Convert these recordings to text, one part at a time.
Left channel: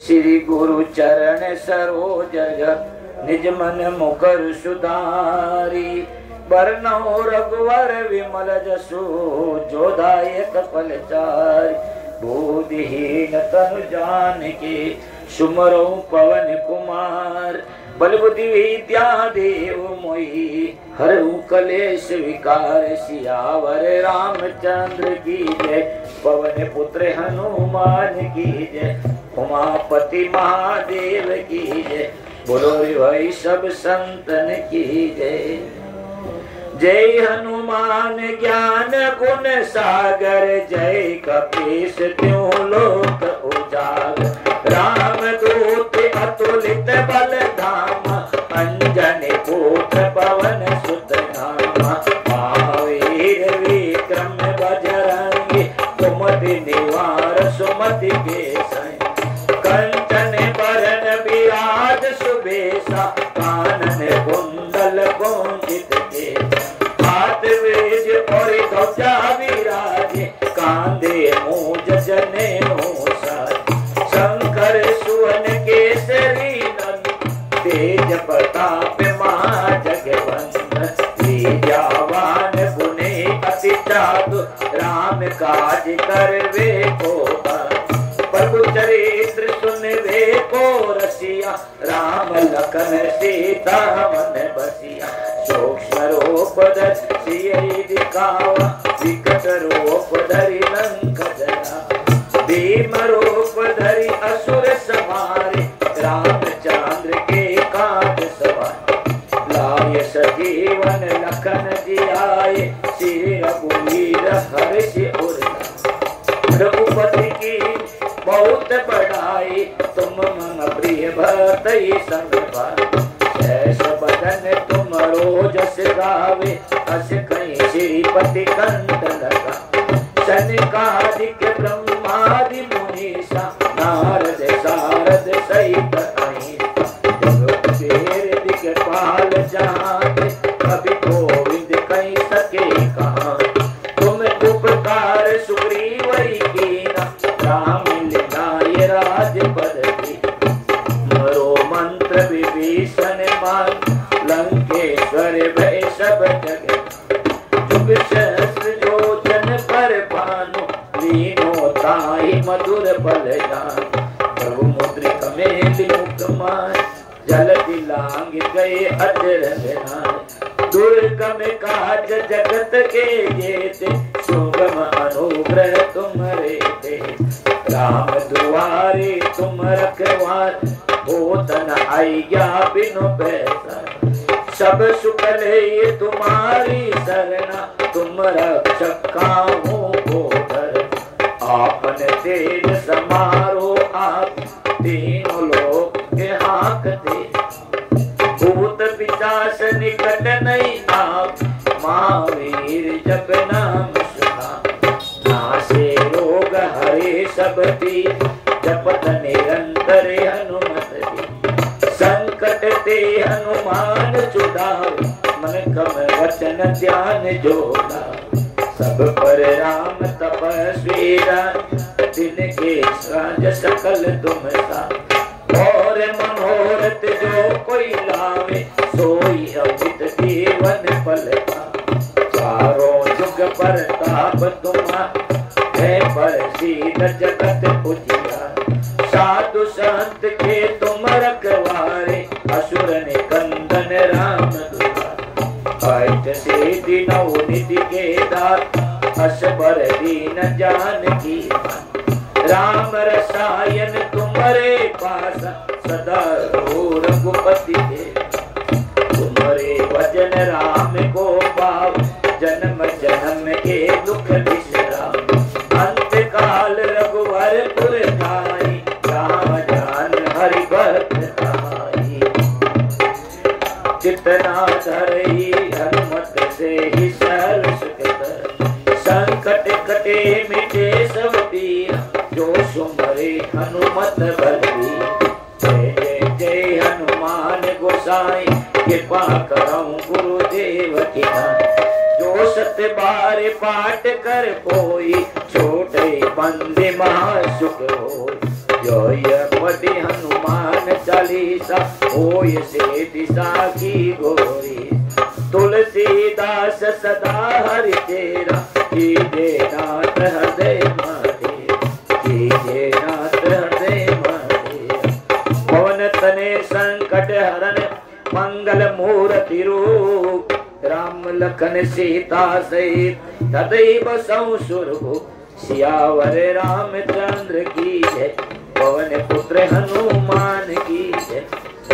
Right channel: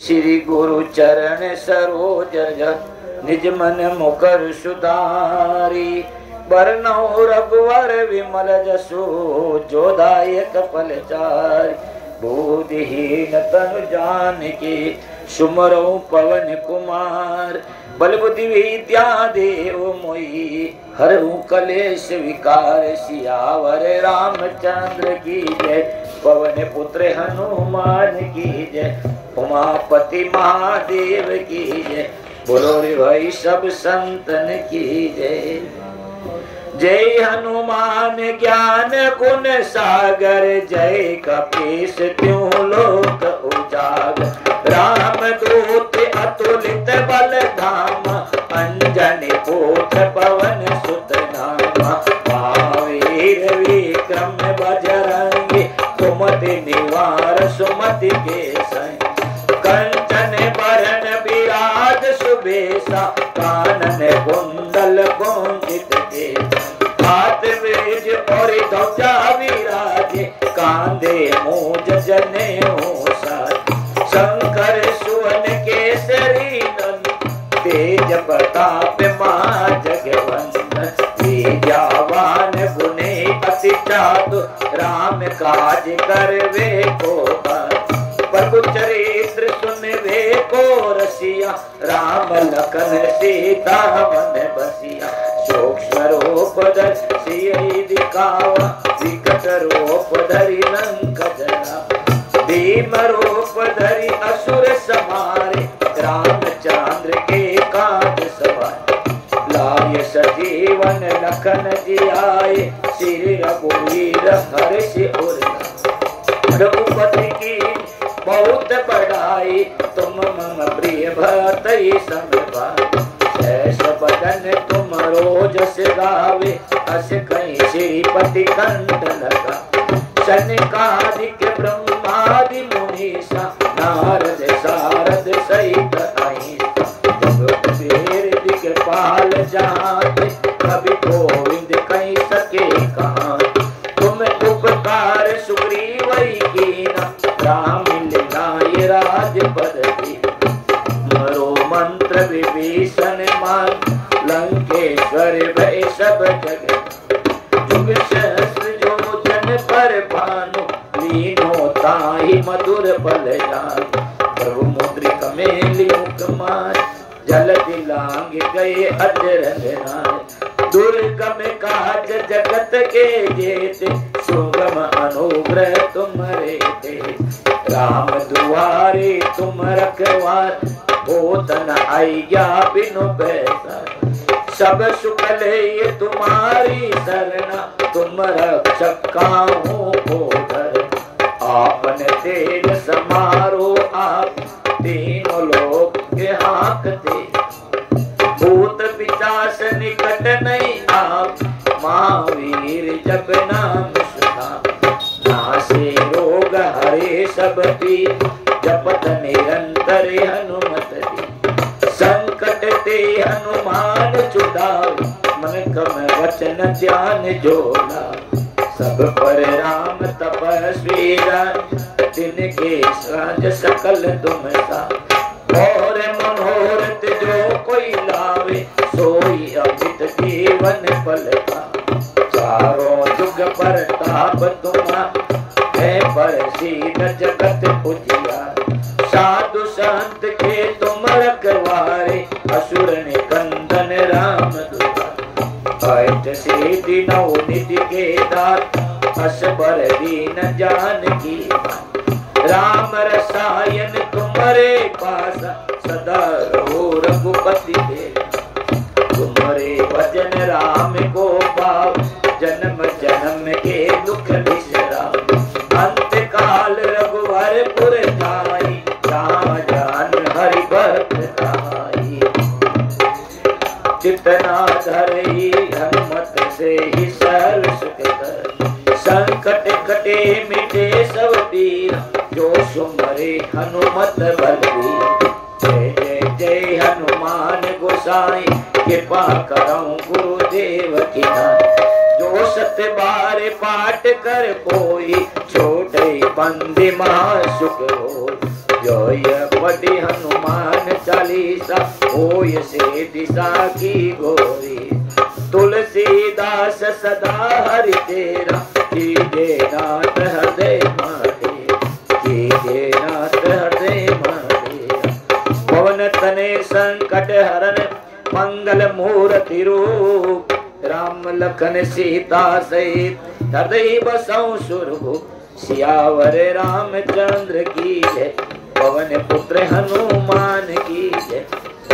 श्री गुरु चरण सरोज निज मन मुकर सुधारी। बरनौ रघुवर विमल जसु जोदायक फलचारि। बुद्धिहीन तनु जानिके सुमरौ पवन कुमार। बल बुद्धि विद्या देव मोहि हरहु कलेश विकार। सियावर रामचंद्र की जय पवन पुत्र हनुमान की जय। उमापति महादेव की जय बोलो रे भाई सब संतन की जय। जय हनुमान ज्ञान गुण सागर। जय कपीस त्यों लोक उजागर। राम दूत अतुलित बल धाम। अंजनी पुत पवन सुत नाम। महावीर विक्रम बजरंगी। कुमति निवार सुमति के संग। कंचन बरन विराज सुबेसा। कानन कुंडल कुंचित केसा। हाथ वेज और ध्वजा विराजे। कांधे मूज जनेऊ साजे। शंकर सुवन केसरी नंदन। तेज प्रताप महाजगवंदन। विद्यावान गुणी अति चातुर। राम काज करवे को प्रभु चरित्र सुनवे को रसिया। राम लखन सीता मन बसिया। सूक्ष्म रूप धरि सियहि दिखावा। विकट रूप धरि लंक जरावा। भीम रूप धरि असुर संहारे। रामचंद्र के काज सवारे। लाय सजीवन लखन जियाए। श्री रघुवीर हर्षि उर लाए। रघुपति की बहुत बड़ाई। तुम मम प्रिय भरत संग भाई। ऐसा बदन तुम रोज गावे। अस कहीं श्रीपति कंठ लगा। सनकादिक ब्रह्मादि मुनीसा। नारद सारद सहित अहिंसा। जगत दिक्पाल जाते। कवि गोविंद कहीं सके कहाँ। तुम उपकार सुग्रीव कीना। राम मिलाय राजपद की। मरो मंत्र विभीषण मान। लंकेश्वर भय सब जगत। जुग सहस्र योजन पर भानु। लीनो ताहि मधुर फल जान। प्रभु मुद्रिक मेलि मुख माय। जल दिलांग गए अजर नाय। दुर्गम काज जगत के जेते। सुगम अनुग्रह तुम्हारे ते। राम दुआरे तुम रखवार। होतन आज्ञा बिनु पैसार। सब सुख ले तुम्हारी शरणा। तुम रक्षक काहू को डर। आपन तेज समारो आप। तीनों लोक के हाकते। भूत पिशाच निकट नहीं आप। महावीर जप नाम सुना। नासे रोग हरे सब पीर। जपत निरंतर हनुमत की। संकट ते हनुमान छुड़ावे। मन कम वचन ध्यान जोड़ा। सब पर राम तपस्वी राम। तिनके साज सकल तुम साथ। और मनोरथ जो कोई लावे। सोई अमित जीवन फल पावे। चारों जुग पर ताप तुम्हारा। है पर सीध जगत पुजिया। साधु संत के तुम रखवारे। असुर निकंदन राम दुआरे। अष्ट सिद्धि नौ निधि के दाता। असबर दीन जानकी। राम रसायन तुम्हारे पासा। सदा रहो रघुपति के। तुम्हारे भजन राम को पाओ। जन्म जन्म के दुख बिसराओ। अंत काल रघुवर पुर जाई। राम जान हरि भक्त आई। जितना धरई हनुमत से ही सहल सुख कर। संकट कटे मिटे सब पीर। जो सुमरे हनुमत बलबीर। जय जय जय हनुमान गोसाई। कृपा करौ गुरुदेव की नाई। जो सत बार पाठ कर कोई। छोटे बंदे महा सुख हो। जय पढ़ी हनुमान चालीसा होय से दिशा की गोरी। तुलसीदास सदा हरि तेरा कीजे नाथ हृदय मारे, कीजे नाथ हृदय मारे। पवन तने संकट हरन मंगल मूर्ति रूप, राम लखन सीता सहित हृदय बसौ सुरभूप। सियावर रामचंद्र की जय, पवन पुत्र हनुमान की जय,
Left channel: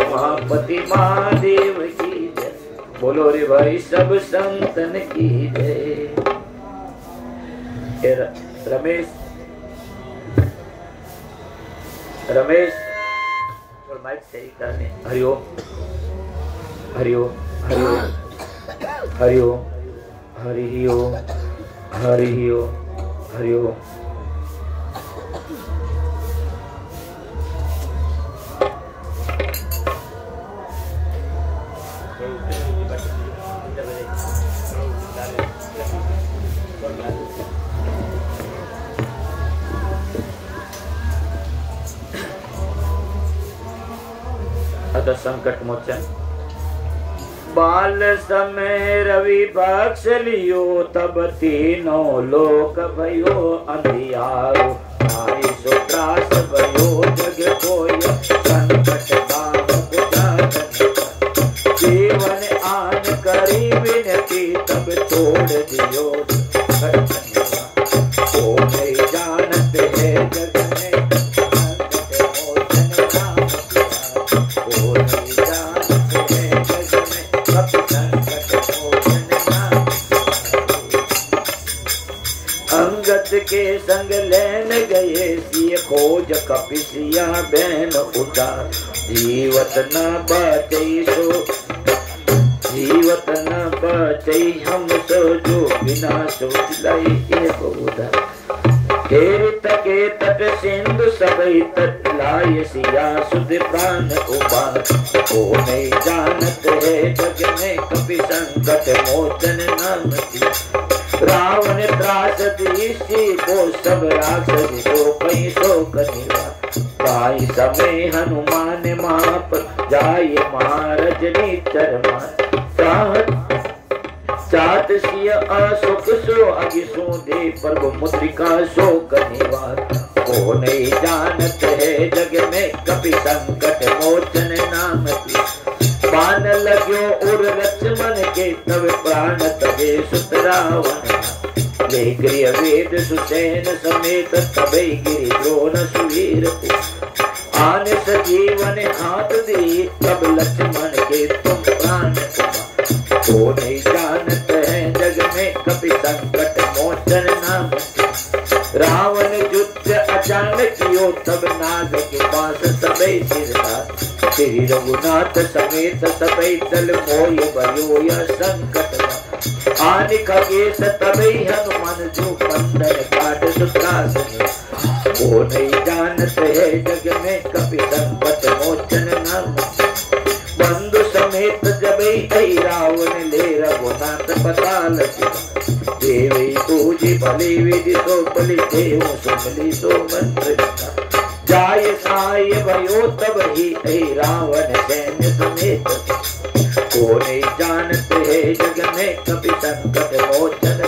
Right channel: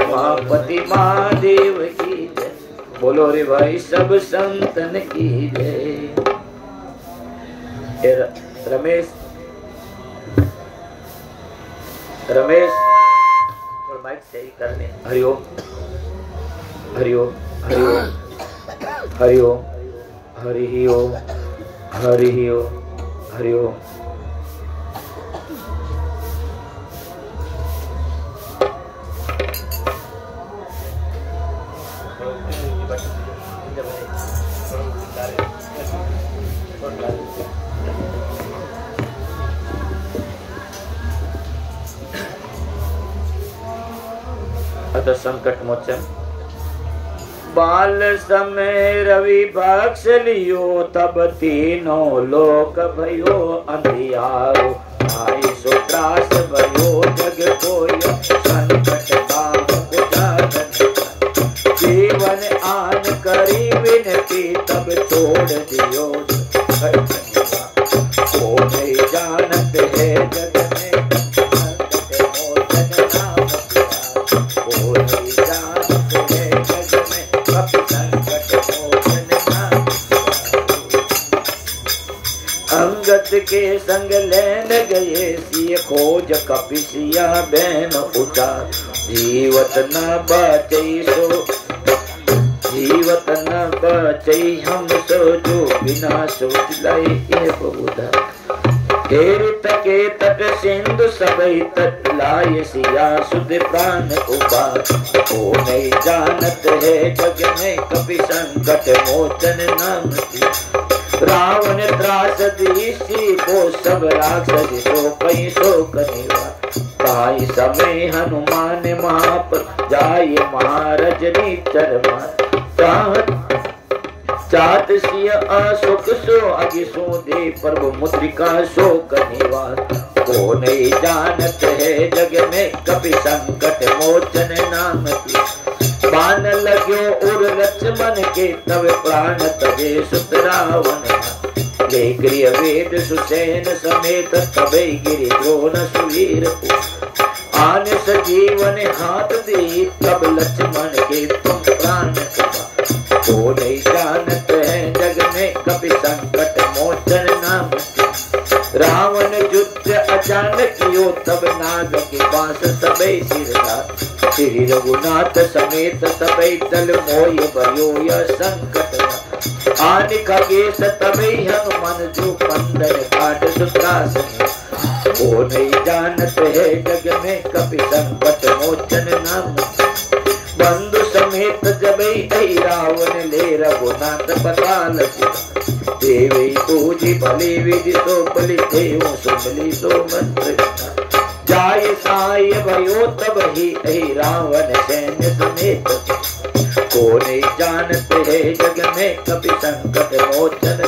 उमापति महादेव की जय। बोलो रे भाई सब संतन की जय। रमेश रमेश और माइक सही करने। हरिओम हरिओम हरिओम हरिओम हरिओम हरिओम हरिओम। संकट मोचन। बाल समय रवि बख्श लियो, तब तीनों लोक भयो अंधियारो। आई सो त्रास भयो जग कोय, संकट बाहु जीवन आन करी विनती, तब छोड़ दियो ओ नहीं जानत है जग में। अंगद के संग लेन गए सिय खोज कपिसिया बहन उठा। जीवत न बचई सो, जीवत न बचई हम सो, जो बिना सोच लाई के बहुधा। तीर्थ के तट सिंधु सबई तट, लाय सिया सुध प्राण उपाय। ओ नहीं जानत है जग में कपि संकट मोचन नाम की। रावण त्रास ऋषि को सब राक्षस सो पई सो कनिवा। पाई समय हनुमान माप, जाय महारजनी चरमा। चात सिय असुख सो अगि सो दे, प्रभु मुद्रिका सो कनिवार। को नहीं जानत है जग में कपि संकट मोचन नाम की। बाण लग्यो उर लक्ष्मण के, तब प्राण तबे सुत रावण। गृह वेद सुसैन समेत, तबे गिरि द्रोण सुवीर। आन सजीवन हाथ दी, तब लक्ष्मण के तुम प्राण। को नहीं जानत है जग में कपि संकट मोचन नाम। रावण युद्ध अचानक कियो, तब नाग के पास सबे सिरदार। श्री रघुनाथ समेत सबे दल मोय भयो यह संकट। आनि खगेश तबे हनुमान, जो कंदर काट सुत्रासन। को नहीं जानत है जग में कपि संकट मोचन नाम। बंधु समेत जबई रावण ले, रघुनाथ पताल। देवी पूजी भले विधि सो बलि, देव सुमली सो मंत्र। जाय साय भयो तब ही रावण सैन्य समेत। को नहीं जानत है जग में कपि संकट मोचन।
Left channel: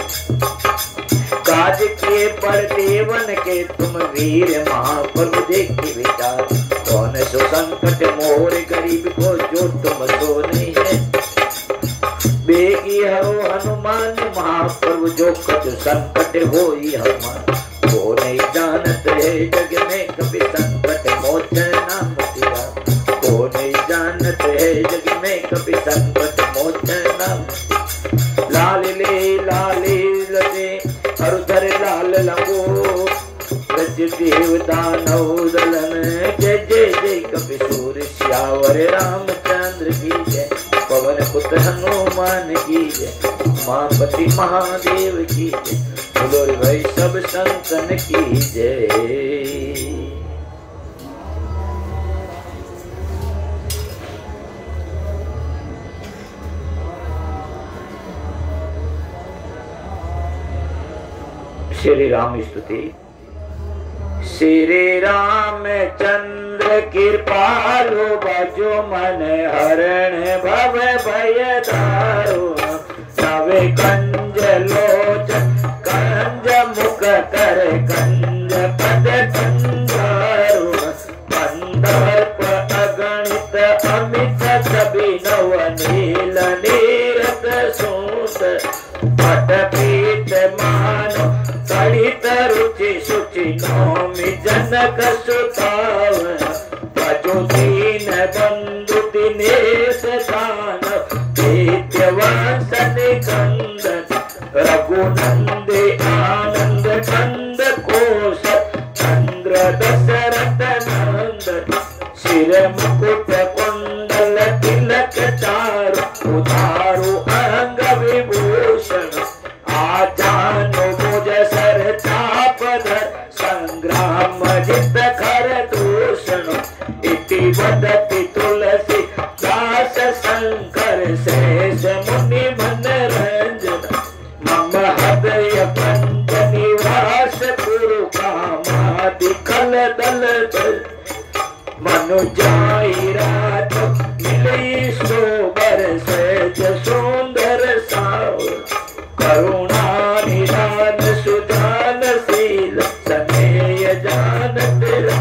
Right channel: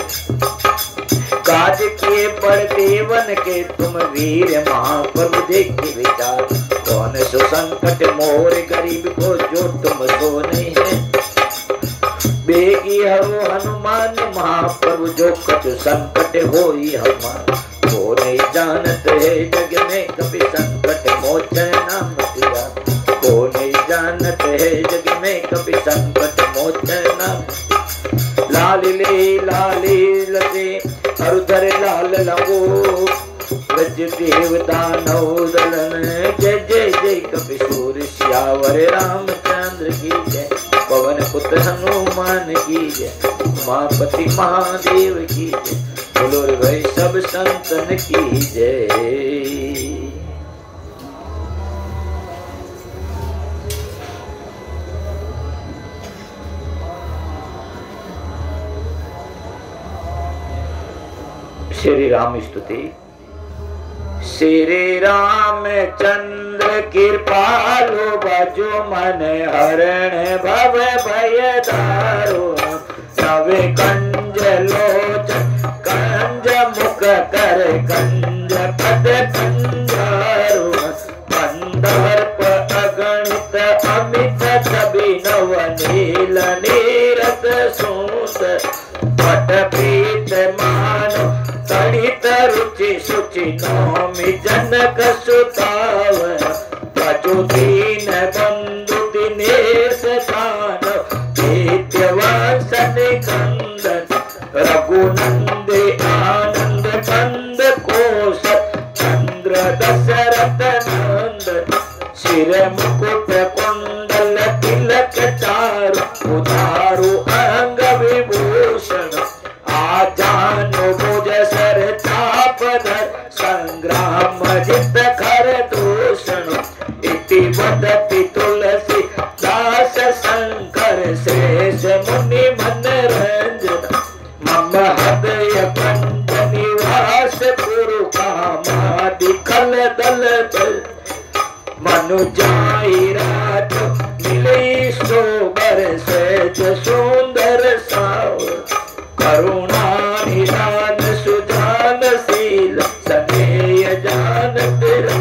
काज किए पर देवन के, तुम वीर महाप्रभु देख विचार। कौन सो संकट मोर गरीब को, जो तुम सो नहीं है। बेगी हरो हनुमान महाप्रभु, जो कछु संकट होई हमार। को नहीं जानत है जग में कपि संकट मोचन नाम तेरा। को नहीं जानत है जग में कपि संकट मोचन नाम। लाल ले लते हरुधर लाल लगो, ब्रज देव दानव दलन। जय जय जय कपि सूर श्यावर रामचंद्र की जय। पवन पुत्र हनुमान की जय, उमापति महादेव की जय। बोलो रे भाई सब संतन की जय। श्री राम स्तुति। श्री रामचंद्र कृपालु भजो मन हरण भव भय दारुण नवे कंज लोचन कंज मुख कर कंज पद कंजारुण कंदर्प अगणित अमित कवि नव नील नीरत सूत पट पीत मानो तड़ित रुचि शुचि नौमि जनक सुतावन भजो दीन बंधु दिनेश दान नित्यवासन कंदन रघुनंदे आनंद कंद कोश चंद्र दशरथ नंदन शिर मुकुट कुंडल तिलक चारु उधारु अंग विभूषण आजानु भुज सर चाप धर संग्राम जित खर दूषण इति वदति तुलसी दास शंकर शेष मुनि मनरंजन मम हृदय पंच निवास गुरु कामादि कल दल दल मनु जाई राज मिलई सोबर सहज सुंदर साव करुणा निदान सुजान शील स्नेह जान तेरा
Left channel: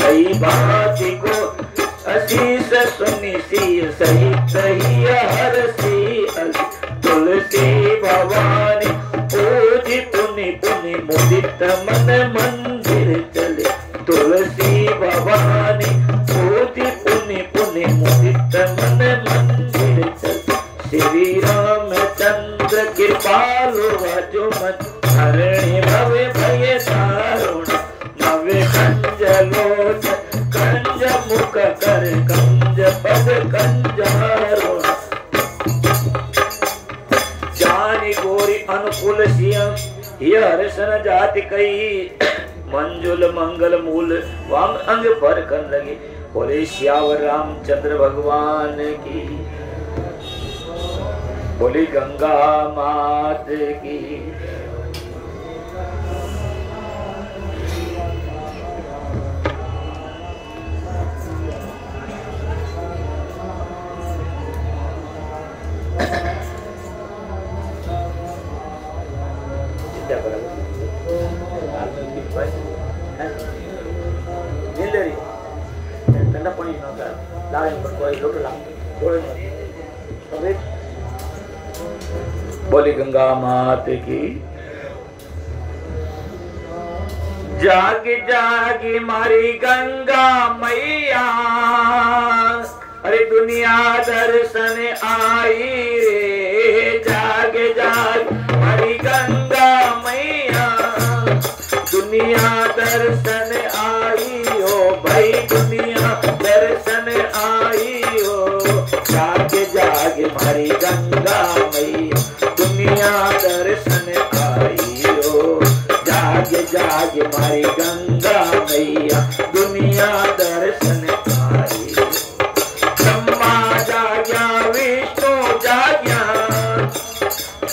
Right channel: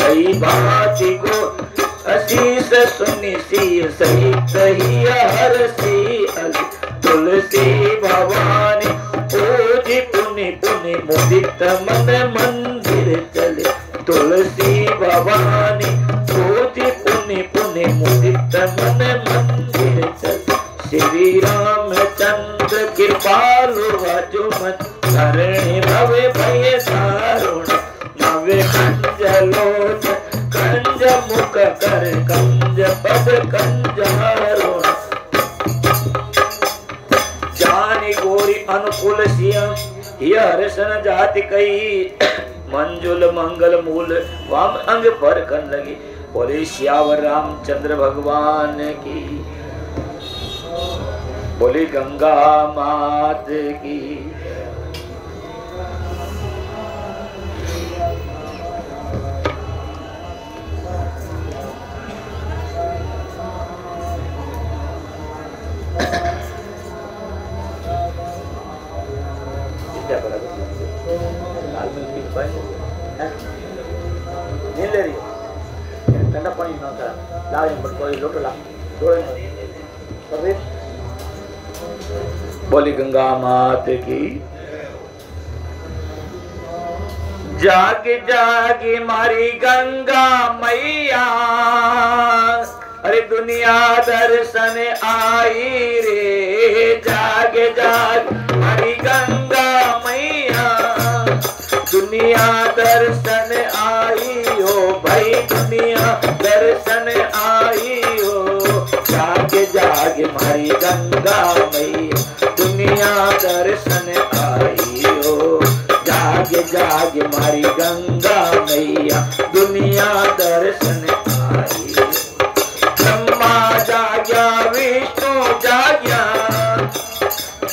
कई बाती को अशीष सुनि सी सहित ही हर सी तुलसी भवानी पूजी पुनि पुनि मुदित मन मंदिर चले तुलसी भवानी पूजी पुनि पुनि मुदित मन मंदिर चले श्री रामचंद्र कृपालु भजो मन हरणी भव भय दारुण नवे कंज लोचन कंज मुख कर कंज पद कंजारुण जानी गोरी अनुकूल सिंह हर्षण जाति कई मंजुल मंगल मूल वाम अंग पर कन लगी बोले श्यावर रामचंद्र भगवान की बोली गंगा मात की ठंडा पानी बोली गंगा मात की जागी जागी मारी गंगा मैया अरे दुनिया दर्शन आई रे जागे जाग मारी गंगा मैया दुनिया दर्शन आई हो भाई दुनिया दर्शन आई हो जागे जागे मारी गंगा मैया दुनिया दर्शन आई हो जागे जागे मारी गंगा मैया दुनिया दर्शन आई हो ब्रह्मा जाग्या विष्णु जाग्या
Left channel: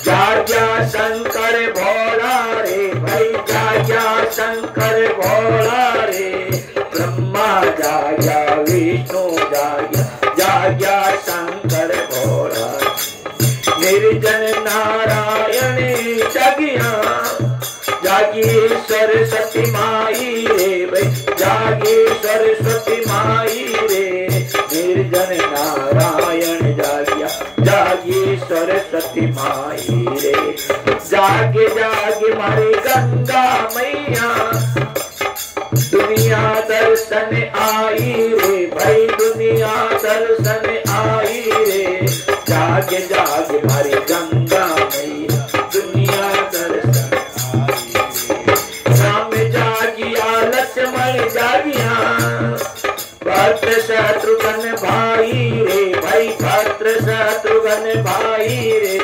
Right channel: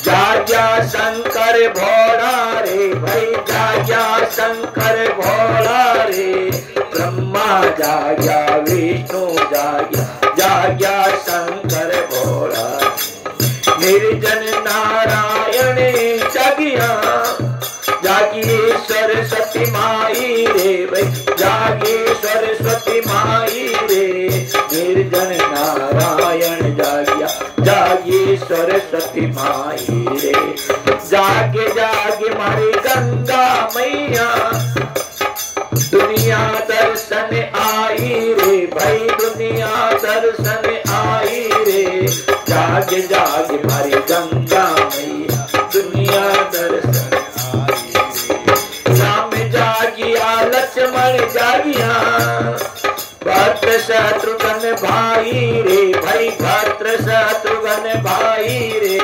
जाग्या शंकर भोला रे भाई जाग्या शंकर भोला रे ब्रह्मा जाग्या विष्णु जाग्या जाग्या शंकर भोला निर्जन नारायण जागिया जागी सरस्वती माई रे भाई जागी सरस्वती माई रे निर्जन नारायण जागिया जागी सरस्वती माई रे जागे जागे मारी गंगा मैया दुनिया दर्शन आई रे भाई दुनिया दर्शन आई रे जागे जागे मारी गंगा मैया दुनिया दर्शन राम जागिया लक्ष्मण जागिया भद्र शत्रुघ्न भाई रे भाई भद्र शत्रुघ्न भाई रे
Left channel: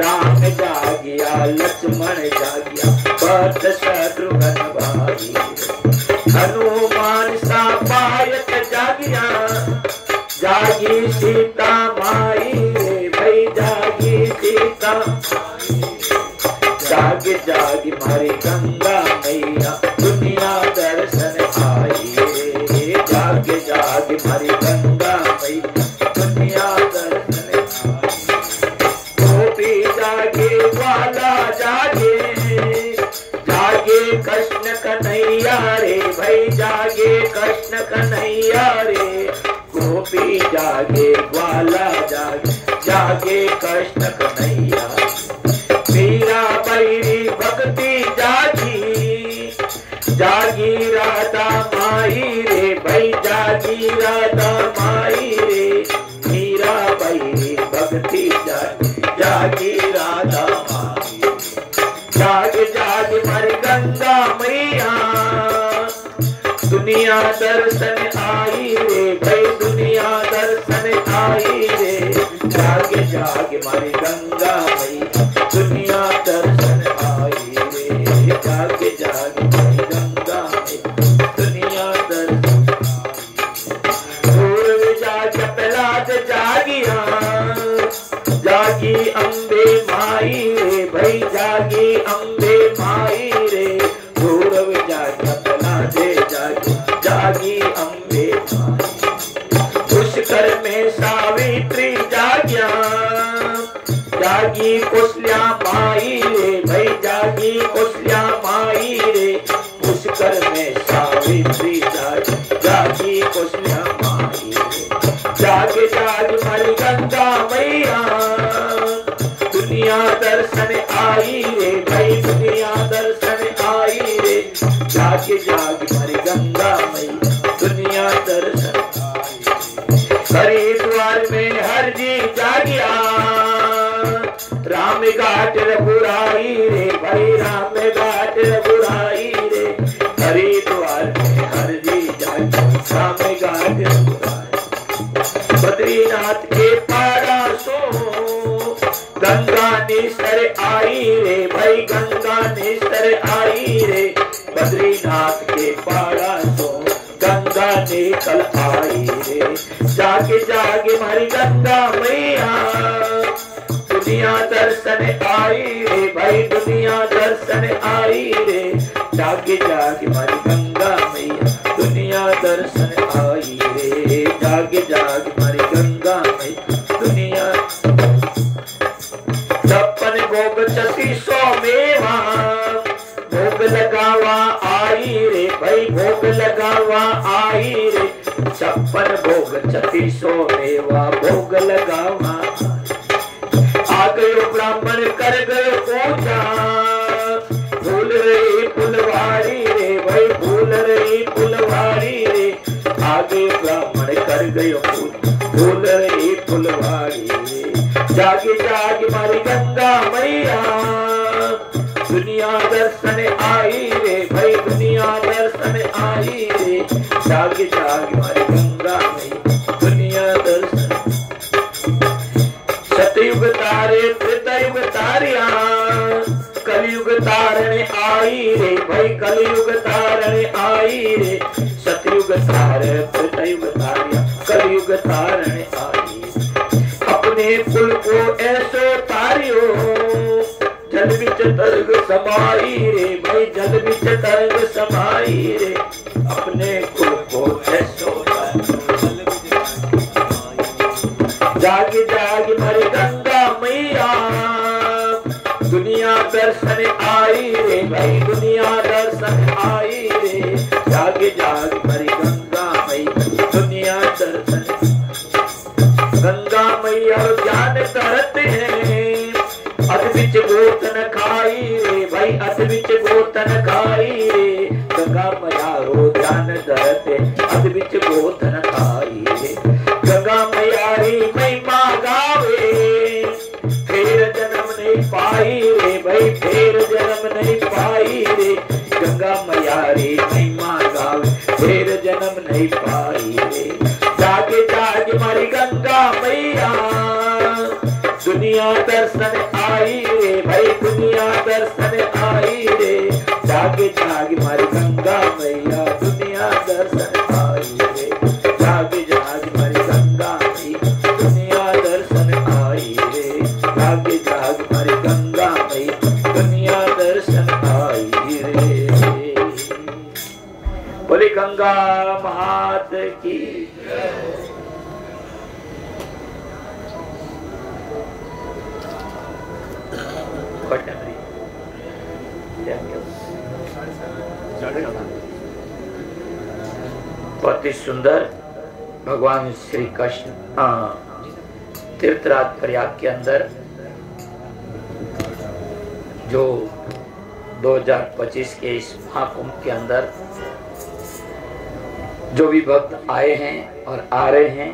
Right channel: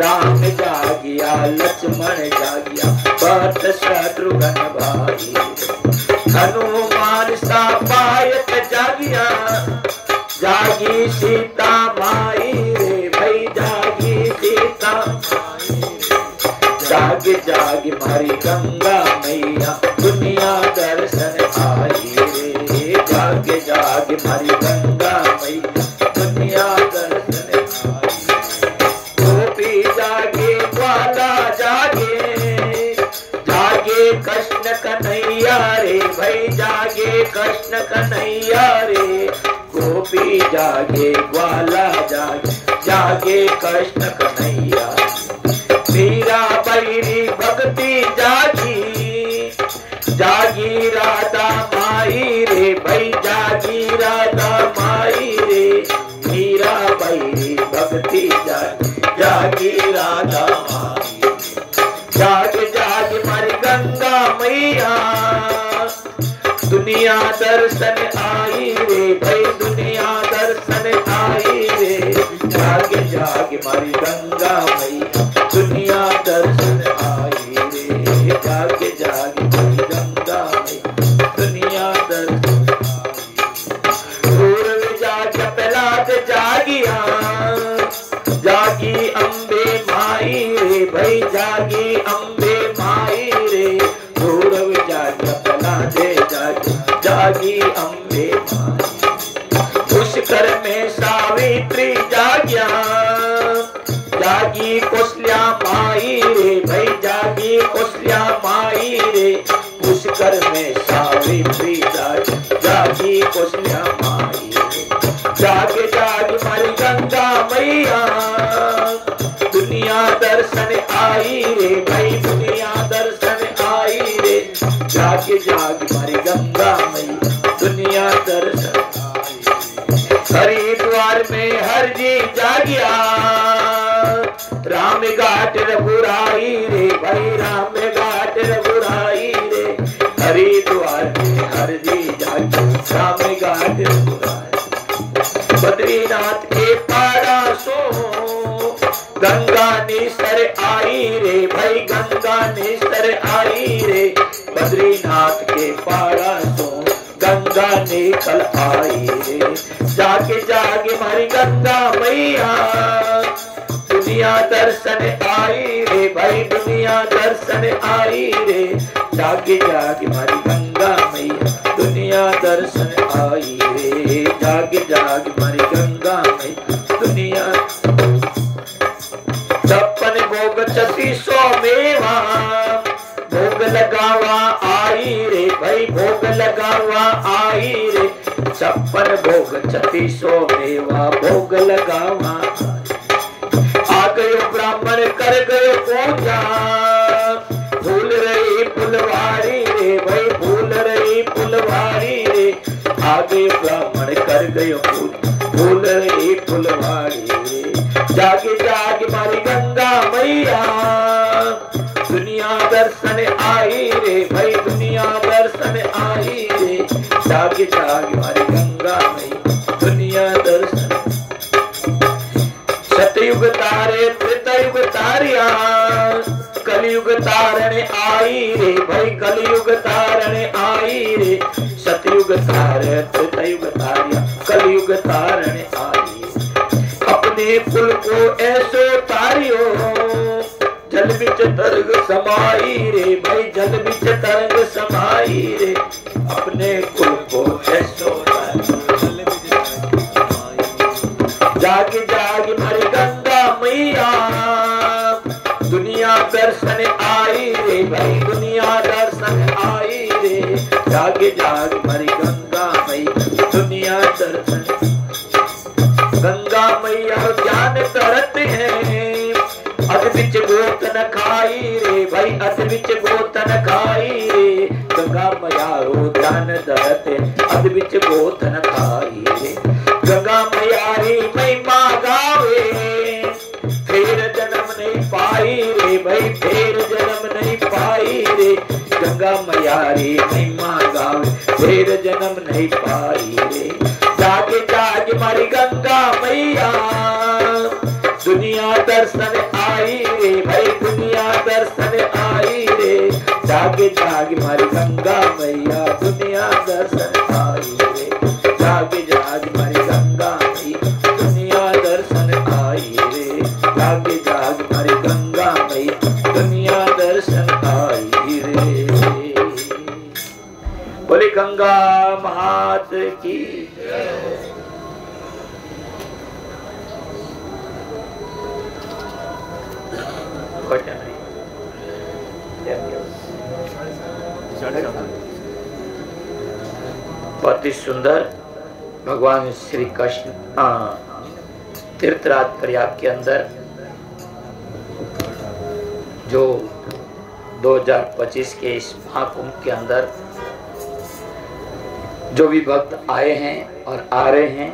राम जागिया लक्ष्मण जागिया भद्र शत्रुघ्न भाई हनुमान सा पायक जागिया जागी सीता माई रे भाई जागी सीता जागे जागे मारी गंगा मैया दुनिया जागे जागे मारी गंगा मैया दुनिया दर्शन गोपी जागे ग्वाला जागे जागे कृष्ण कन्हैया रे भाई जागे कृष्ण कन्हैया रे गोपी जागे ग्वाला जागे जागे कृष्ण कन्हैया मीरा बैरी भक्ति जागी जागी राधा माई रे भाई जागी राधा माई रे मीरा बैरी भक्ति जागी जागी राधा माई जाग जाग मारी गंगा मैया दुनिया दर्शन आई रे भाई दुनिया दर्शन आई रे जाग जाग मारी गंगा मैया दुनिया दर्शन आई रे जाग जाग मारी गंगा मैया दुनिया दर्शन पूर्व जाग प्रहलाद जागिया जागी अम्बे माई रे भाई जागी अम्बे माई रे पूर्व जाग प्रहलाद जागी जागी अम्बे माई पुष्कर में सावित्री जागिया जागी कौशल्या माई रे भाई जागी कौशल्या माई रे पुष्कर में सावित्री जागी जागी कौशल्या माई रे जाग जाग मारी गंगा मैया दुनिया दर्शन आई रे भाई दुनिया दर्शन आई रे जाग जाग मारी गंगा मैया दुनिया दर्शन हरिद्वार में हर जी जागिया राम घाट रघुराई रे भाई राम घाट रघुराई रे हरिद्वार में हर जी जागिया राम घाट रघुराई बद्रीनाथ के पारा सो गंगा निस्तर आई रे भाई गंगा निस्तर आई रे बद्रीनाथ के पारा सो गंगा निकल आई रे जागे जागे मारी गंगा मैया दुनिया दर्शन आई रे भाई दुनिया दर्शन आई रे जागे जागे मारी गंगा मैया दुनिया दर्शन आई रे जागे जागे मारी गंगा मैया दुनिया छप्पन भोग 3600 मेवा भोग लगावा आई रे भाई भोग लगावा आई रे 56 भोग 3600 मेवा भोग लगावा आ गयो ब्राह्मण कर गए पूजा भूल रही फुलवारी रे भाई भूल रही फुलवारी रे आगे ब्राह्मण कर गयो भूल रही फुलवारी रे जागे जागे मारी गंगा मैया दुनिया दर्शन आई रे भाई दुनिया दर्शन आई रे जागे जागे मारी गंगा मैया दुनिया दर्शन सतयुग तारे त्रेतायुग तारिया कलयुग तारण आई रे भाई कलयुग तारण आई रे सतयुग तारे त्रेतायुग तारिया कलयुग तारण आई अपने कुल को ऐसो तारियो जल बिच तरंग समाई रे भाई जल बिच तरंग समाई रे अपने कुल को ऐसो जाग जाग मारी गंगा मैया दुनिया दर्शन आई रे भाई दुनिया दर्शन आई रे जाग जाग मारी गंगा मैया दुनिया दर्शन गंगा मैया ज्ञान करत है अध बिच गोतन खाई रे भाई अध बिच गोतन खाई रे गंगा मैया रो ज्ञान करत है अध बिच गोतन खाई रे गंगा मैया री महिमा गावे फिर जन्म नहीं पाई रे भाई फिर जन्म नहीं पाई रे गंगा मैया री महिमा गावे फिर जन्म नहीं पाई रे जागे जागे मारी गंगा मैया दुनिया दर्शन आई रे भाई दुनिया दर्शन आई रे जागे जागे मारी गंगा मैया दुनिया दर्शन आई रे जागे जागे मारी गंगा मैया दुनिया दर्शन आई रे जागे जागे मारी गंगा मैया दुनिया दर्शन आई रे बोले गंगा मात की। बहुत ही सुंदर भगवान श्री कृष्ण तीर्थराज प्रयाग के अंदर जो 2025 के इस महाकुंभ के अंदर जो भी भक्त आए हैं और आ रहे हैं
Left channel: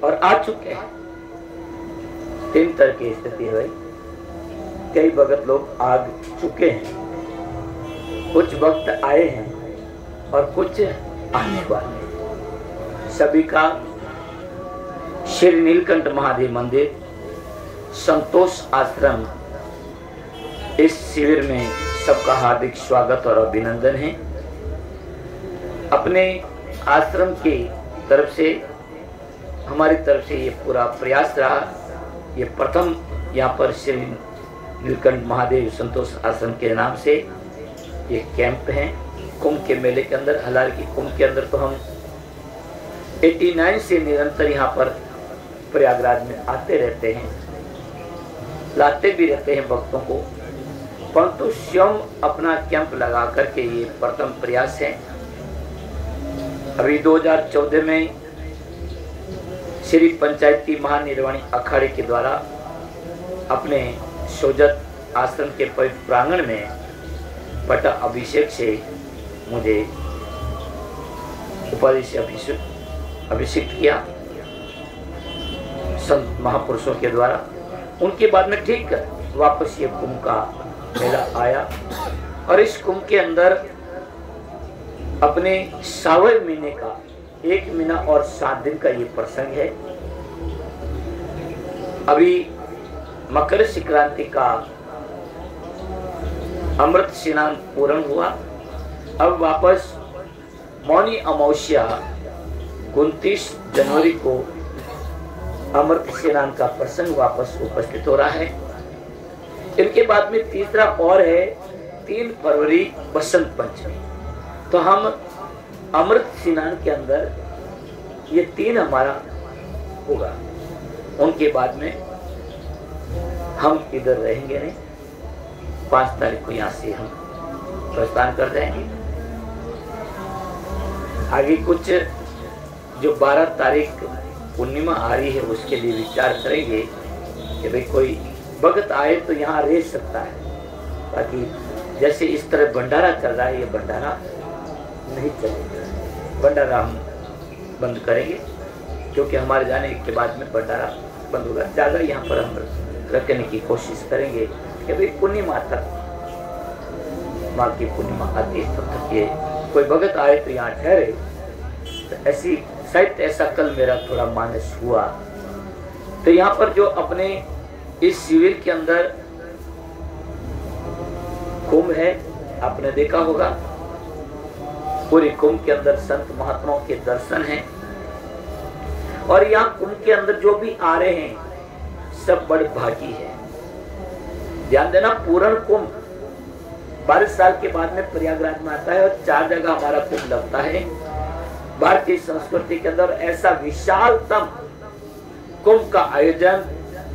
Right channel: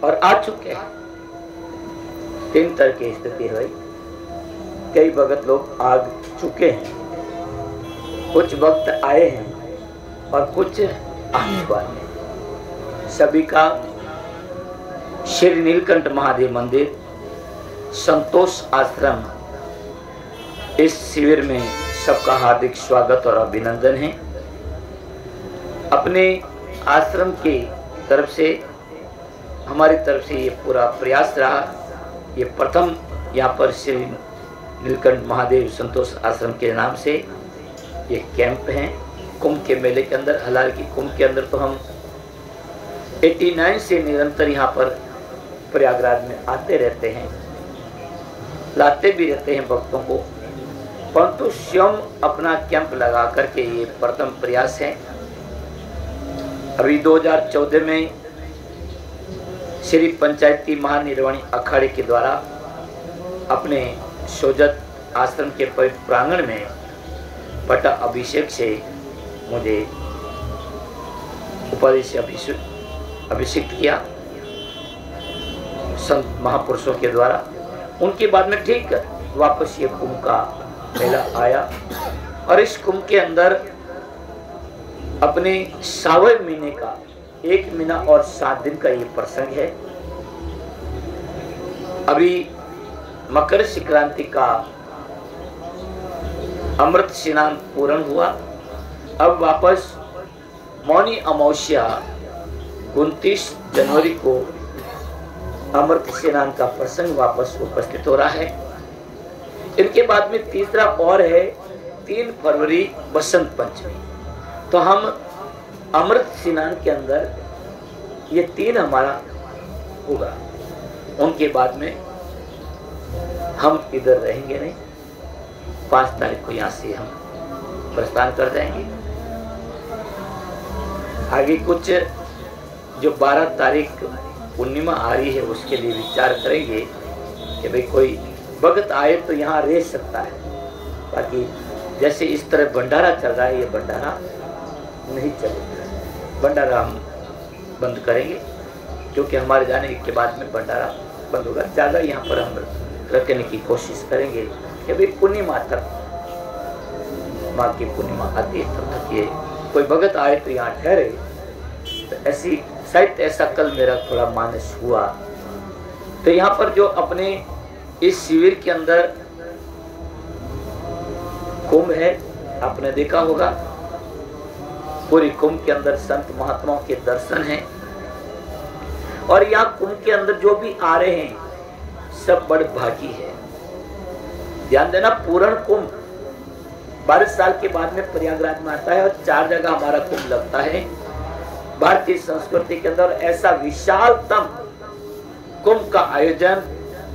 और आ चुके हैं, 3 तरह की स्थिति हुई। कई भक्त लोग आ चुके हैं, कुछ भक्त आए हैं और कुछ आने वाले हैं। सभी का श्री नीलकंठ महादेव मंदिर संतोष आश्रम इस शिविर में सबका हार्दिक स्वागत और अभिनंदन है। अपने आश्रम की तरफ से, हमारी तरफ से ये पूरा प्रयास रहा। ये प्रथम यहाँ पर श्री नीलकंठ महादेव संतोष आश्रम के नाम से ये कैंप है कुंभ के मेले के अंदर। हालांकि कुंभ के अंदर तो हम 89 से निरंतर यहाँ पर प्रयागराज में आते रहते हैं, लाते भी रहते हैं भक्तों को, परंतु स्वयं अपना कैंप लगा करके ये प्रथम प्रयास है। अभी 2014 में श्री पंचायती महानिर्वाणी अखाड़े के द्वारा अपने सोजत आश्रम के पवित्र प्रांगण में पट्टा अभिषेक से मुझे उपाधि से अभिषेक किया संत महापुरुषों के द्वारा। उनके बाद में ठीक वापस ये कुंभ का मेला आया और इस कुंभ के अंदर अपने सावन महीने का 1 महीना और 7 दिन का ये प्रसंग है। अभी मकर संक्रांति का अमृत स्नान पूर्ण हुआ। अब वापस मौनी अमावस्या 29 जनवरी को अमृत स्नान का प्रसंग वापस उपस्थित हो रहा है। इनके बाद में तीसरा और है 3 फरवरी बसंत पंचमी। तो हम अमृत स्नान के अंदर ये 3 हमारा होगा। उनके बाद में हम इधर रहेंगे नहीं। 5 तारीख को यहाँ से हम प्रस्थान कर देंगे। आगे कुछ जो 12 तारीख पूर्णिमा आ रही है उसके लिए विचार करेंगे कि भाई कोई भक्त आए तो यहाँ रह सकता है। बाकी जैसे इस तरह भंडारा चल रहा है, ये भंडारा नहीं चलेगा। भंडारा हम बंद करेंगे क्योंकि हमारे जाने के बाद में भंडारा बंद होगा। ज़्यादा यहाँ पर हम रखने की कोशिश करेंगे कि भाई पूर्णिमा तक, माँ की पूर्णिमा आती है तब तक ये कोई भगत आए तो यहाँ ठहरे। तो ऐसी शायद ऐसा कल मेरा थोड़ा मानस हुआ। तो यहाँ पर जो अपने इस शिविर के अंदर कुंभ है, आपने देखा होगा पूरी कुंभ के अंदर संत महात्माओं के दर्शन हैं। और यहाँ कुंभ के अंदर जो भी आ रहे हैं सब बड़ भागी है। ध्यान देना, पूर्ण कुंभ 12 साल के बाद में प्रयागराज में आता है और 4 जगह हमारा कुंभ लगता है। भारतीय संस्कृति के अंदर ऐसा विशालतम कुंभ का आयोजन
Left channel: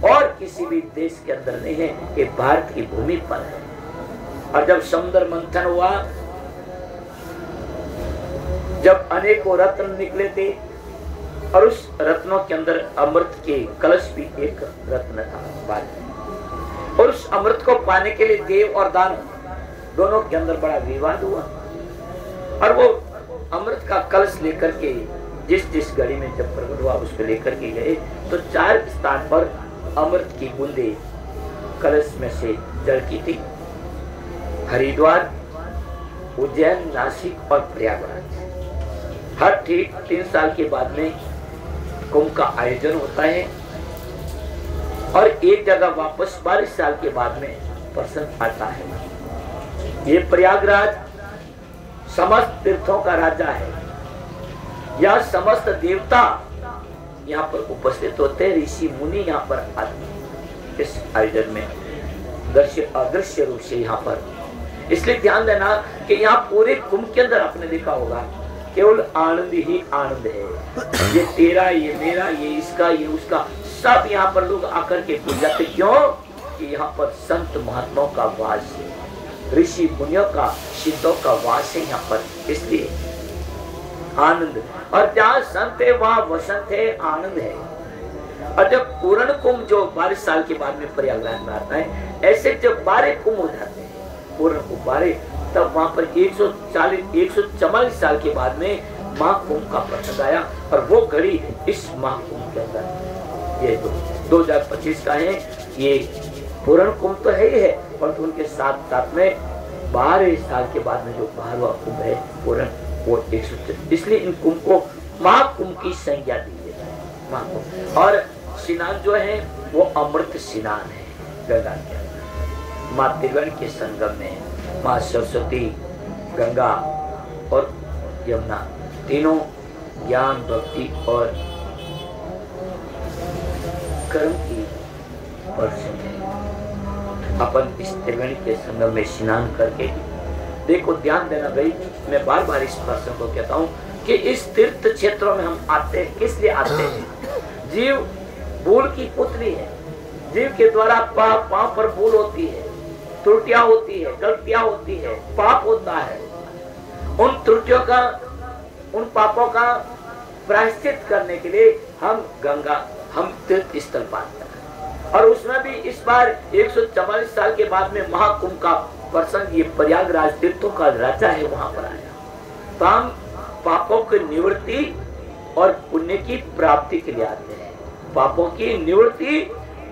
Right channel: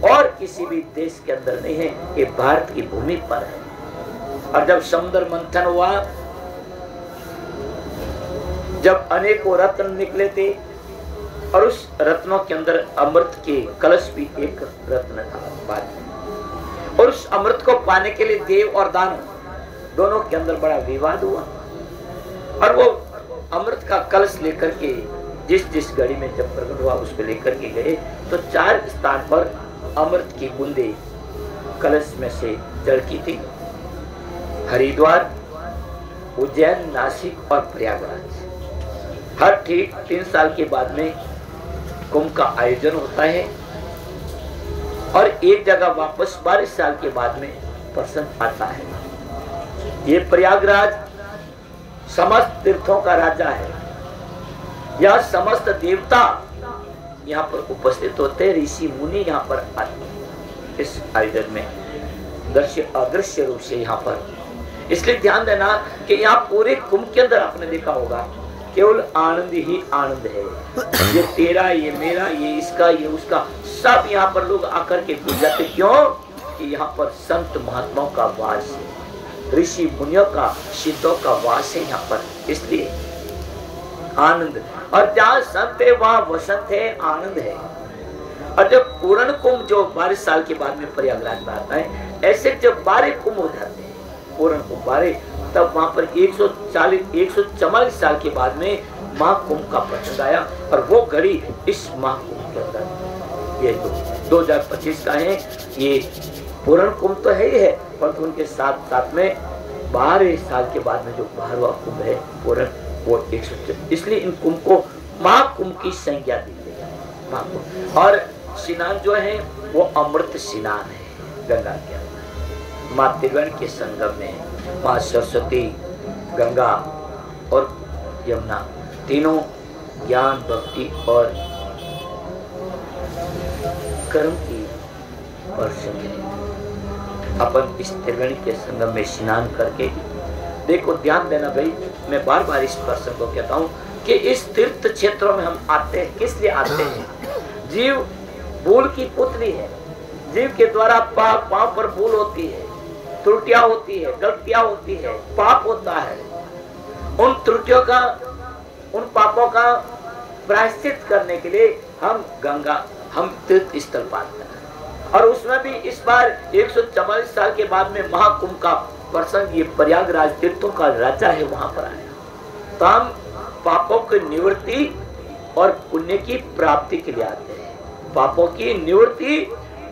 और किसी भी देश के अंदर नहीं है। ये भारत की भूमि पर है। और जब समुद्र मंथन हुआ, जब अनेकों रत्न निकले थे और उस रत्नों के अंदर अमृत के कलश भी एक रत्न था। और उस अमृत को पाने के लिए देव और दानव दोनों के अंदर बड़ा विवाद हुआ। और वो अमृत का कलश लेकर के जिस घड़ी में जब प्रकट हुआ उसको लेकर के गए तो 4 स्थान पर अमृत की बूंदे कलश में से झलकी थी। हरिद्वार, उज्जैन, नासिक और प्रयागराज। हर ठीक 3 साल के बाद में कुंभ का आयोजन होता है और एक जगह वापस 12 साल के बाद में प्रसंग आता है। ये प्रयागराज समस्त तीर्थों का राजा है। यह समस्त देवता यहाँ पर उपस्थित होते हैं, ऋषि मुनि यहाँ पर आते हैं इस आयोजन में दृश्य अदृश्य रूप से यहाँ पर। इसलिए ध्यान देना कि यहाँ पूरे कुंभ के अंदर आपने देखा होगा केवल आनंद ही आनंद है। ये तेरा, ये मेरा, ये इसका, ये उसका, सब यहाँ पर लोग आकर के भूल जाते। क्यों? कि यहाँ पर संत महात्माओं का वास है, ऋषि मुनियों का, सिद्धों का वास है यहाँ पर, इसलिए आनंद। और जहाँ संत है वहाँ वसंत है, आनंद है। और जब पूर्ण कुंभ जो 12 साल के बाद में प्रयागराज में आता है, ऐसे जब 12 कुंभ हो जाते हैं, पूर्ण कुंभ 12, तब वहाँ पर 144 साल के बाद में महाकुंभ का प्रसंग आया। और वो घड़ी इस महाकुंभ के अंदर, ये 2025 का है, ये पूर्ण कुंभ तो है ही है, परंतु उनके साथ साथ में 12 साल के बाद में जो 12वां कुंभ है पूर्ण, वो 100, इसलिए इन कुंभ को महाकुंभ की संज्ञा दी है, महाकुंभ। और स्नान जो है वो अमृत स्नान है गंगा के अंदर, माँ त्रिवेणी के संगम में माँ सरस्वती, गंगा और यमुना तीनों ज्ञान, भक्ति और कर्म की वर्षण है। अपन इस त्रिवेणी के संगम में स्नान करके, देखो ध्यान देना भाई, मैं बार बार इस प्रसंग को कहता हूँ कि इस तीर्थ क्षेत्रों में हम आते हैं, किस लिए आते हैं? जीव भूल की पुतली है, जीव के द्वारा पाप पर भूल होती है, त्रुटियां होती है, गलतियां होती है, पाप होता है। उन त्रुटियों का, उन पापों का प्रायश्चित करने के लिए हम गंगा, हम तीर्थ स्थल पर आते हैं। और उसमें भी इस बार 144 साल के बाद में महाकुंभ का प्रसंग, ये प्रयागराज तीर्थों का राजा है, वहां पर आया। तो हम पापों की निवृत्ति और पुण्य की प्राप्ति के लिए आते हैं, पापों की निवृत्ति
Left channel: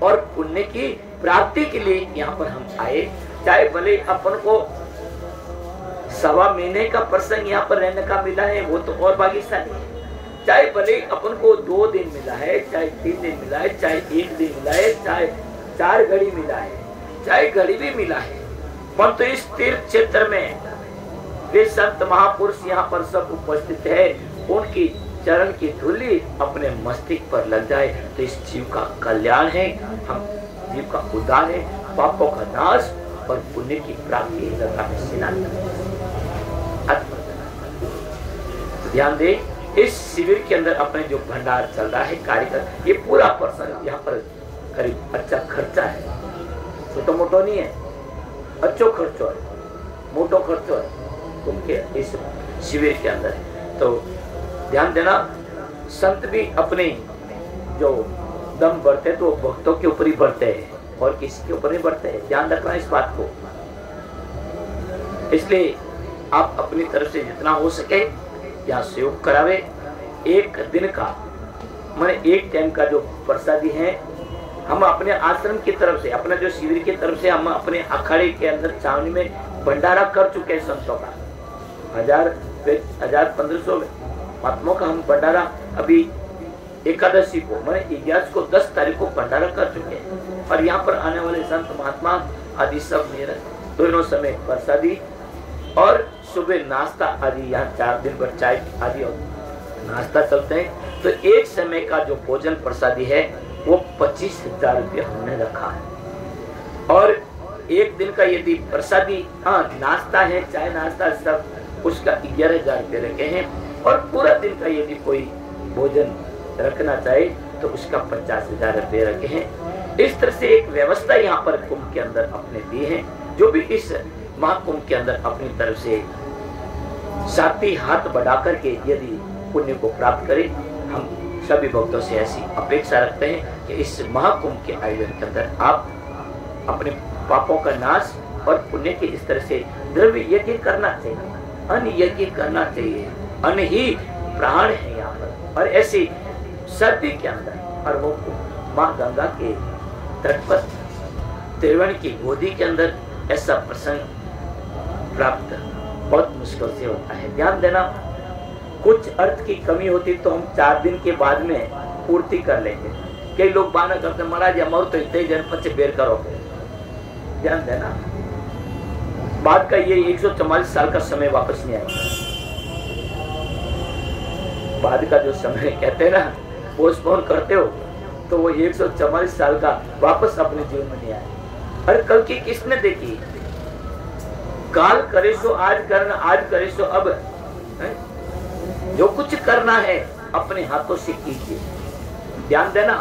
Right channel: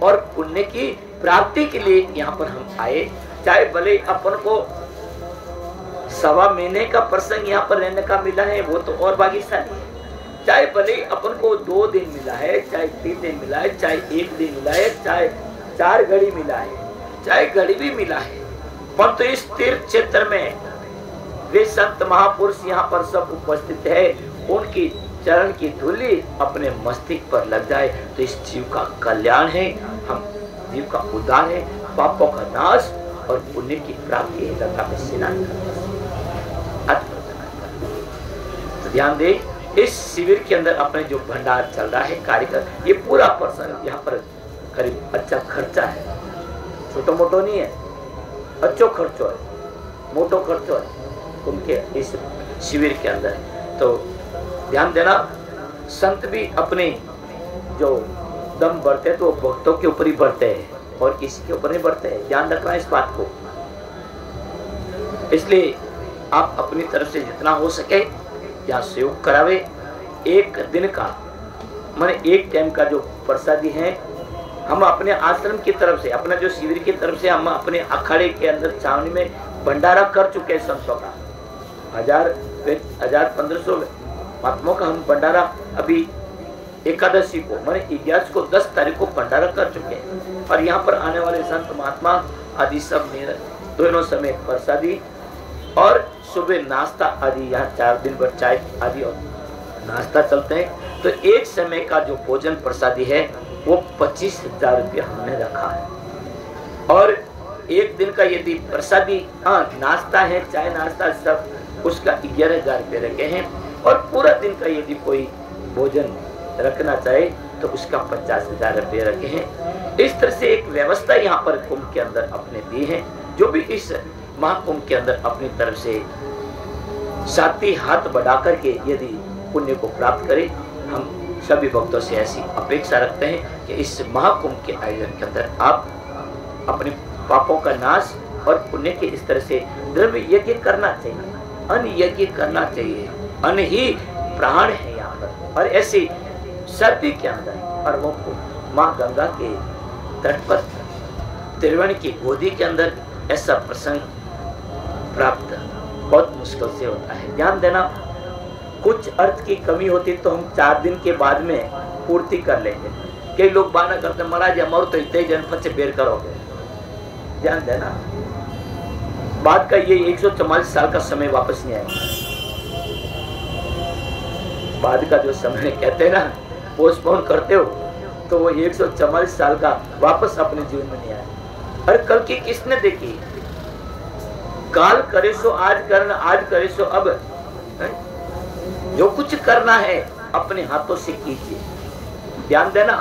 और पुण्य की प्राप्ति के लिए यहाँ पर हम आए। चाहे भले अपन को 1.25 महीने का प्रसंग यहाँ पर रहने का मिला है, वो तो और भाग्यशाली है। चाहे भले अपन को 2 दिन मिला है, चाहे 3 दिन मिला है, चाहे 1 दिन मिला है, चाहे 4 घड़ी मिला है, चाहे घड़ी भी मिला है, परंतु इस तीर्थ क्षेत्र में वे संत महापुरुष यहाँ पर सब उपस्थित है, उनकी चरण की धूली अपने मस्तिष्क पर लग जाए तो इस जीव का कल्याण है, हम जीव का उद्धार है, पापों का नाश और पुण्य की प्राप्ति है। गंगा में स्नान तो ध्यान दे, इस शिविर के अंदर अपने जो भंडार चल रहा है कार्यक्रम, ये पूरा प्रसंग यहाँ पर करीब अच्छा खर्चा है, छोटो मोटो नहीं है, अच्छो खर्चो है, मोटो खर्चो है उनके इस शिविर के अंदर। तो ध्यान देना, संत भी अपने जो दम बढ़ते तो भक्तों के ऊपर ही बढ़ते हैं और किसी के ऊपर नहीं बढ़ते हैं, ध्यान रखना इस बात को। इसलिए आप अपनी तरफ से जितना हो सके यहाँ सहयोग करावे। एक दिन का माने एक टाइम का जो प्रसादी है, हम अपने आश्रम की तरफ से, अपना जो शिविर की तरफ से, हम अपने अखाड़े के अंदर छावनी में भंडारा कर चुके हैं संतों का। 1000-1500 महात्माओं का हम भंडारा अभी एकादशी को माने 11 को 10 तारीख को भंडारा कर चुके हैं। और यहाँ पर आने वाले संत महात्मा आदि सब मेरे दोनों समय प्रसादी और सुबह नाश्ता आदि, यहाँ 4 दिन पर चाय आदि और नाश्ता चलते हैं। तो एक समय का जो भोजन प्रसादी है वो 25,000 रुपया हमने रखा है। और एक दिन का यदि प्रसादी, हाँ नाश्ता है, चाय नाश्ता सब, उसका 11,000 रुपये रखे हैं। और पूरा दिन का यदि कोई भोजन रखना चाहे तो उसका 50,000 रुपये रखे हैं। इस तरह से एक व्यवस्था यहाँ पर कुंभ के अंदर अपने दी है। जो भी इस महाकुंभ के अंदर अपनी तरफ से साथी हाथ बढ़ा करके यदि पुण्य को प्राप्त करे, हम सभी भक्तों से ऐसी अपेक्षा रखते हैं कि इस महाकुंभ के आयोजन के अंदर आप अपने पापों का नाश और पुण्य के इस तरह से द्रव्य यज्ञ करना चाहिए, अन्न यज्ञ करना चाहिए। अन्न ही प्राण है यहाँ पर। और ऐसी सर्दी के अंदर और वो माँ गंगा के तट पर त्रिवेणी की गोदी के अंदर ऐसा प्रसंग प्राप्त बहुत मुश्किल से होता है। ध्यान देना, कुछ अर्थ की कमी होती तो हम 4 दिन के बाद में पूर्ति कर लेंगे। कई लोग बहाना करते महाराज हमारे तो इतने जनपद से बेर करो। ध्यान देना, बात का ये 144 साल का समय वापस नहीं आएगा। बाद का जो समय कहते हैं ना, पोस्टपोन करते हो तो वो 144 साल का वापस अपने जीवन में नहीं आए। अरे कल की किसने देखी? काल करे सो आज करना, आज करे सो अब। जो कुछ करना है अपने हाथों से कीजिए। ध्यान देना,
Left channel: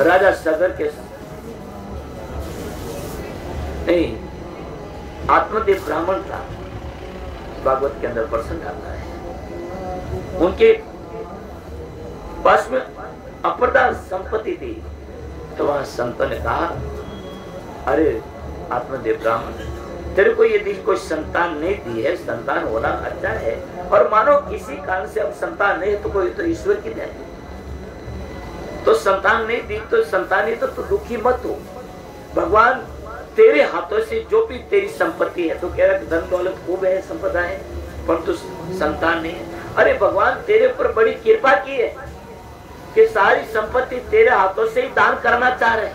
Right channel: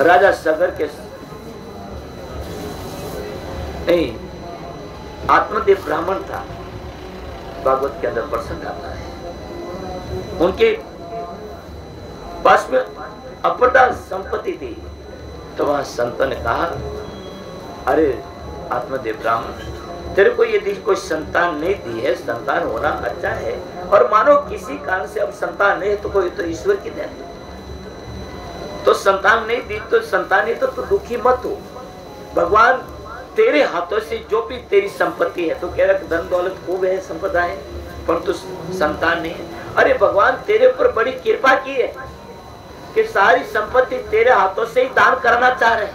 राजा सगर के नहीं, आत्मदेव ब्राह्मण था, भागवत के अंदर प्रसंग आता है। उनके पास में अप्रदा संपत्ति थी, तो वहां संतों ने कहा, अरे आत्मदेव ब्राह्मण, तेरे को यदि कोई संतान नहीं दी है, संतान होना अच्छा है, और मानो किसी कारण से अब संतान नहीं है तो कोई तो ईश्वर की देन, तो संतान नहीं दी तो संतान ही तो दुखी मत हो। भगवान तेरे हाथों से जो भी तेरी संपत्ति है, तो कह रहा धन दौलत खूब है, संपदा है, परंतु संतान नहीं है। अरे भगवान तेरे ऊपर बड़ी कृपा की है कि सारी संपत्ति तेरे हाथों से ही दान करना चाह रहे।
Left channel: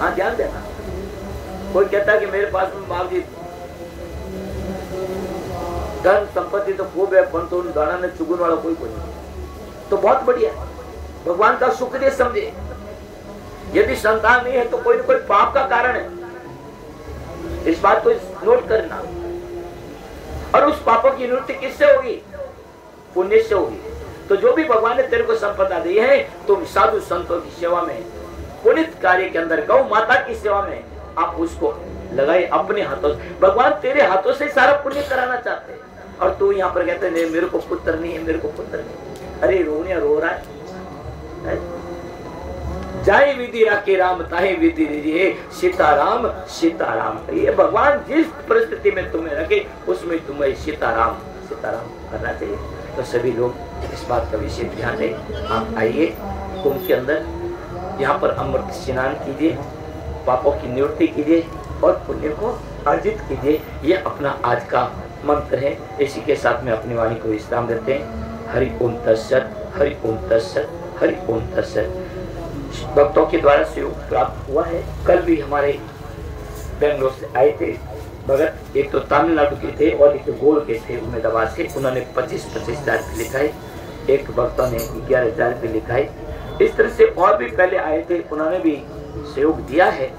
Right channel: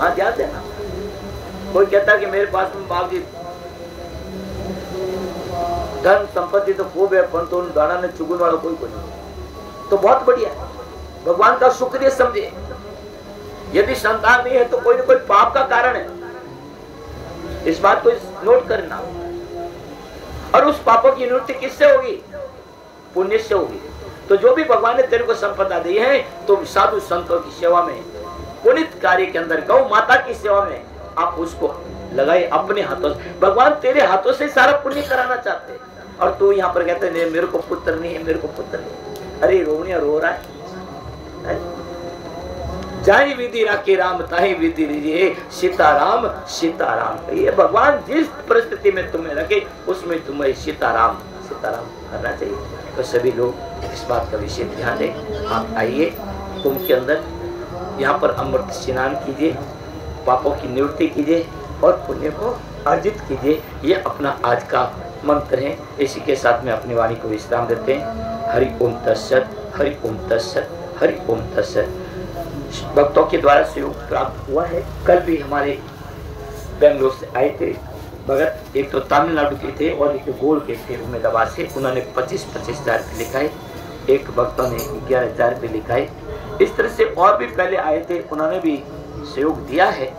हाँ, ध्यान देना। कोई कहता कि मेरे पास में बाप जी धन संपत्ति तो खूब है, परंतु उन दाना में चुगन वाला कोई नहीं, तो बहुत बढ़िया है, भगवान का शुक्रिया समझे। यदि संतान नहीं है तो कोई न कोई पाप का कारण है, इस बात को नोट करना। और उस पापों की निवृत्ति किससे होगी? पुण्य से होगी। तो जो भी भगवान ने तेरे को संपदा दी है, तो साधु संतों की सेवा में, पुनित कार्य के अंदर, गौ माता की सेवा में आप उसको लगाए अपने हाथों से। भगवान तेरे हाथों से सारा पुण्य कराना चाहते हैं, और तू यहाँ पर कहते नहीं मेरे को पुत्र नहीं है, मेरे को पुत्र नहीं। अरे रोनिया रो रहा है। जाए विधि राखी राम ताहे विधि दीजिए, सीताराम सीताराम। ये भगवान जिस परिस्थिति में तुम्हें रखे उसमें तुम्हें सीताराम सीताराम करना चाहिए। तो सभी लोग इस बात का विशेष ध्यान दें। आप आइए कुंभ के अंदर, यहाँ पर अमृत स्नान कीजिए, पापों की निवृत्ति कीजिए और पुण्य को अर्जित कीजिए। ये अपना आज का मंत्र है। इसी के साथ में अपनी वाणी को विश्राम देते हैं। हरि ओम तत्सत, हरि ओम तत्सत, हरि ओम तत्सत। भक्तों के द्वारा सहयोग प्राप्त हुआ है। कल भी हमारे बेंगलोर से आए थे भगत, एक तो तमिलनाडु के थे और एक गोल के थे उम्मीदवार से। उन्होंने 25-25 हजार रुपये लिखाए, एक भक्तों ने 11,000 रुपये लिखाए। इस तरह से और भी पहले आए थे, उन्होंने भी सहयोग दिया है।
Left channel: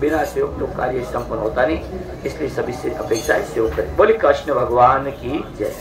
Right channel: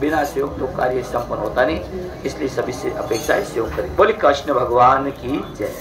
बिना सहयोग तो कार्य संपन्न होता नहीं, इसलिए सभी से अपेक्षा है सहयोग करें। बोले कृष्ण भगवान की जय।